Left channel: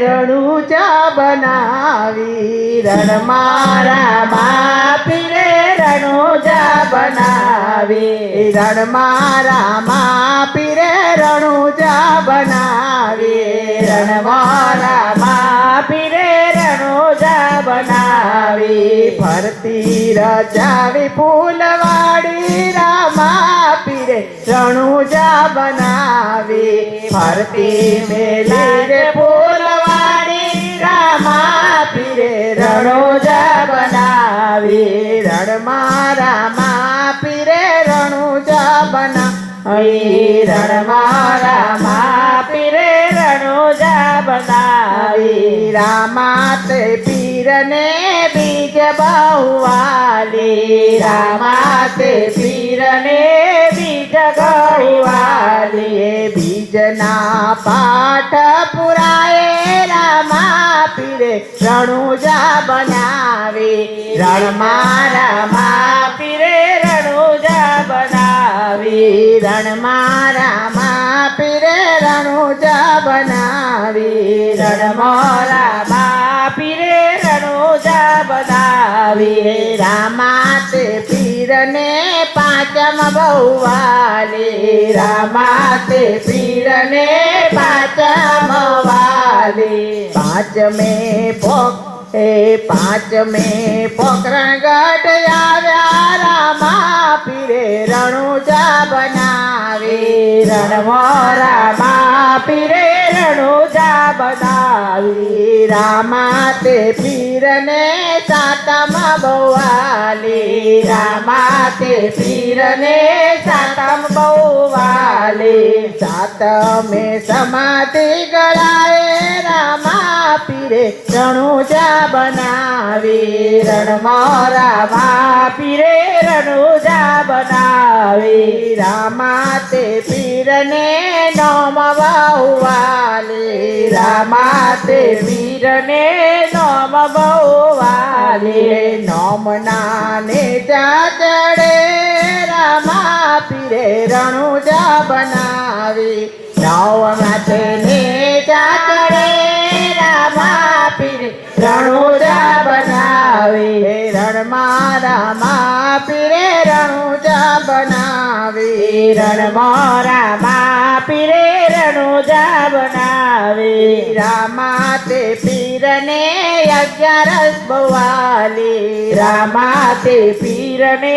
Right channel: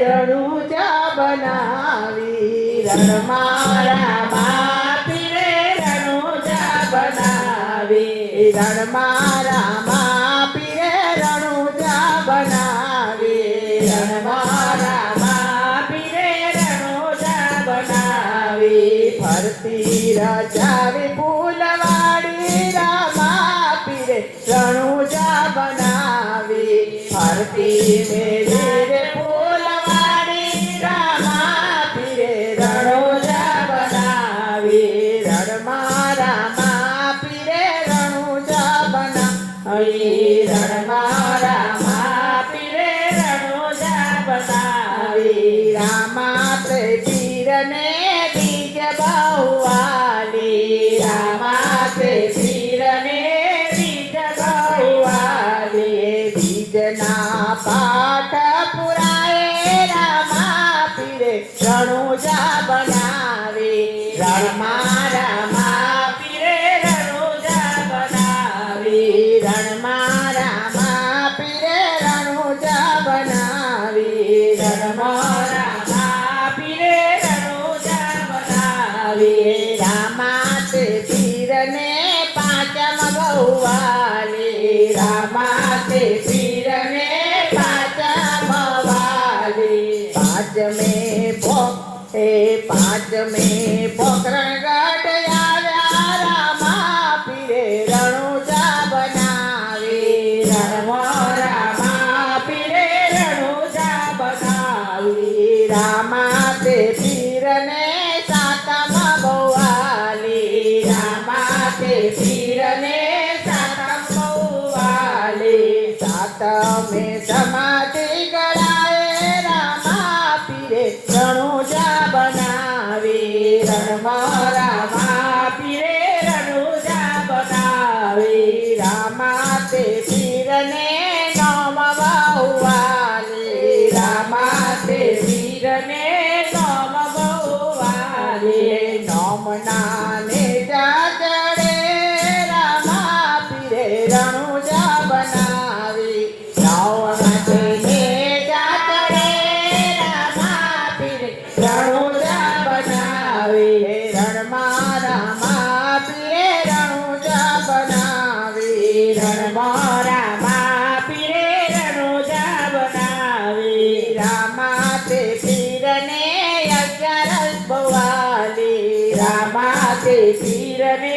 રણુજા બનાવી રણમાં રામા પીરે રણુજા બનાવી રણમાં રામા પીરે રણુજા બનાવી રણમાં રામા પીરે રણુજા બનાવી ફરતી રજાવી ફૂલવાડી રામા પીરે રણુજા બનાવી ફરતી મેલી રે ફૂલવાડી રામા પીરે રણુજા બનાવી રણમાં રામા પીરે રણુજા બનાવી રણમાં રામા પીરે રણુજા બનાવી રામા તે પીરને બીજ બહુવાલી રામા તે પીરને બીજ ગૌવાલી બીજના પાઠ પુરાએ રામા પીરે રણુજા બનાવી રણમાં રામા પીરે રણુજા બનાવી રણમાં રામા પીરે રણુજા બનાવી રણમાં રામા પીરે રણુજા બનાવી રામા તે પીરને પાંચમ બહુવાલી રામા તે પીરને પાંચમ વાલી પાંચમે પોકરણ ગઢ આવ્યા રામા પીરે રણુજા બનાવી રણમાં રામા પીરે રણુજા બનાવી રામા તે પીરને સાતમ બહુવાલી રામા તે પીરને સાતમ બહુવાલી સાતમે સમાધિ ગળાએ રામા પીરે રણુજા બનાવી રણમાં રામા પીરે રણુજા બનાવી રામા તે પીરને નોમ બહુવાલી રામા તે પીરને નોમ બહુવાલી નોમના ને જાજડે રામા પીરે રણુજા બનાવી નવમાં તેને જાજડે રામા પીરે રણુજા બનાવી રણમાં રામા પીરે રણુજા બનાવી રણમાં રામા પીરે રણુજા બનાવી રામા તે પીરને 11 બહુવાલી રામા તે પીરને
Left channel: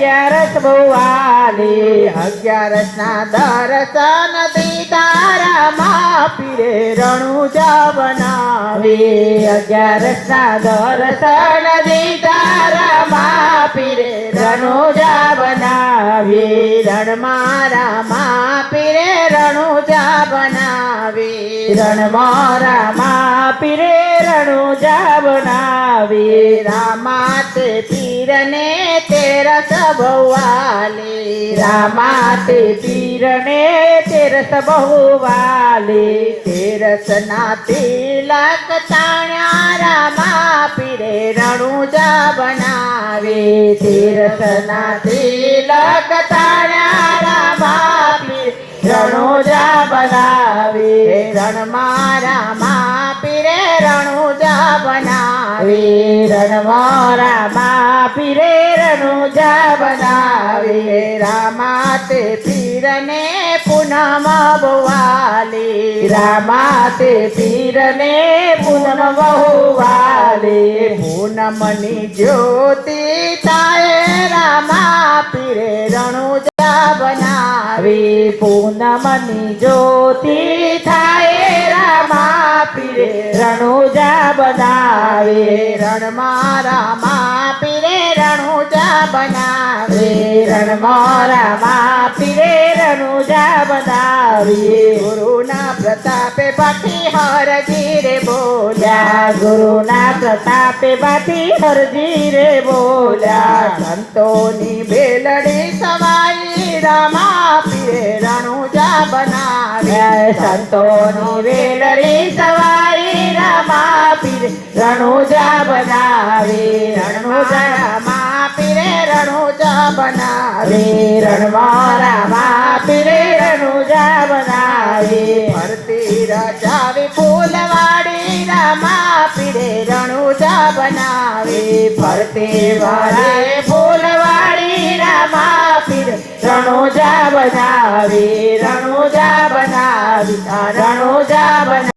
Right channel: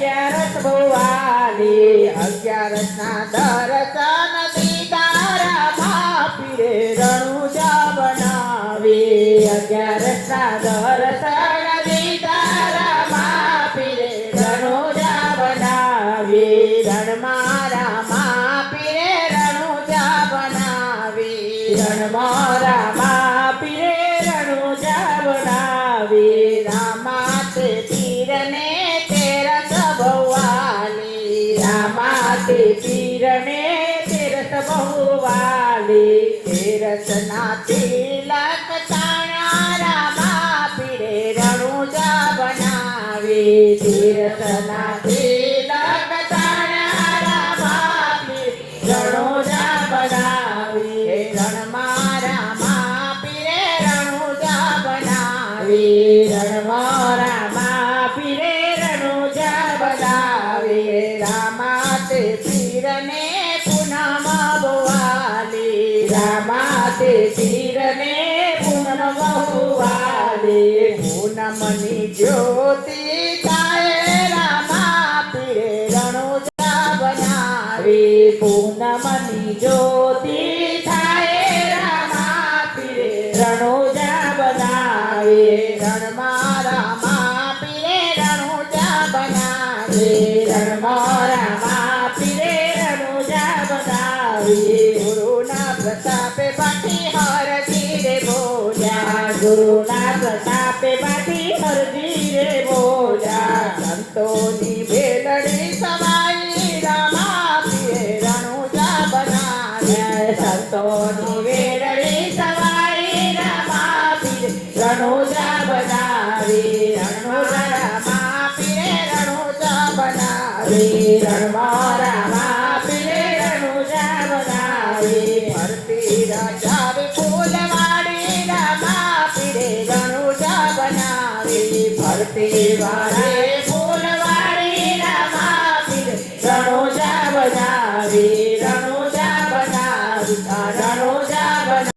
11 બહુવાલી 11 ના દર્શન દીધા રામા પીરે રણુજા બનાવી 11 ના દર્શન દીધા રામા પીરે રણુજા બનાવી રણમાં રામા પીરે રણુજા બનાવી રણમાં રામા પીરે રણુજા બનાવી રામા તે પીરને 13 બહુવાલી રામા તે પીરને 13 બહુવાલી 13 ના તિલક તાણ્યા રામા પીરે રણુજા બનાવી 13 ના તિલક તાણ્યા રામા પીરે રણુજા બનાવી રણમાં રામા પીરે રણુજા બનાવી રણમાં રામા પીરે રણુજા બનાવી રામા તે પીરને પૂનમ બહુવાલી રામા તે પીરને પૂનમ બહુવાલી પૂનમની જ્યોતિ થાય રામા પીરે રણુજા બનાવી પૂનમની જ્યોતિ થાય રામા પીરે રણુજા બનાવી રણમાં રામા પીરે રણુજા બનાવી રણમાં રામા પીરે રણુજા બનાવી ગુરુના પ્રતાપે પાટી હરજી રે બોલ્યા ગુરુના પ્રતાપે પાટી હરજી રે બોલ્યા સંતોની બેલડી સવાઈ રામા પીરે રણુજા બનાવ્યા સંતોની બેલડી સવાઈ રામા પીરે રણુજા બનાવી રણુજા રામા પીરે રણુજા બનાવી રણમાં રામા પીરે રણુજા બનાવી ફરતી રજાવી ફૂલવાડી તે વારે ફૂલવાડી રામા પીર રણુજા બનાવે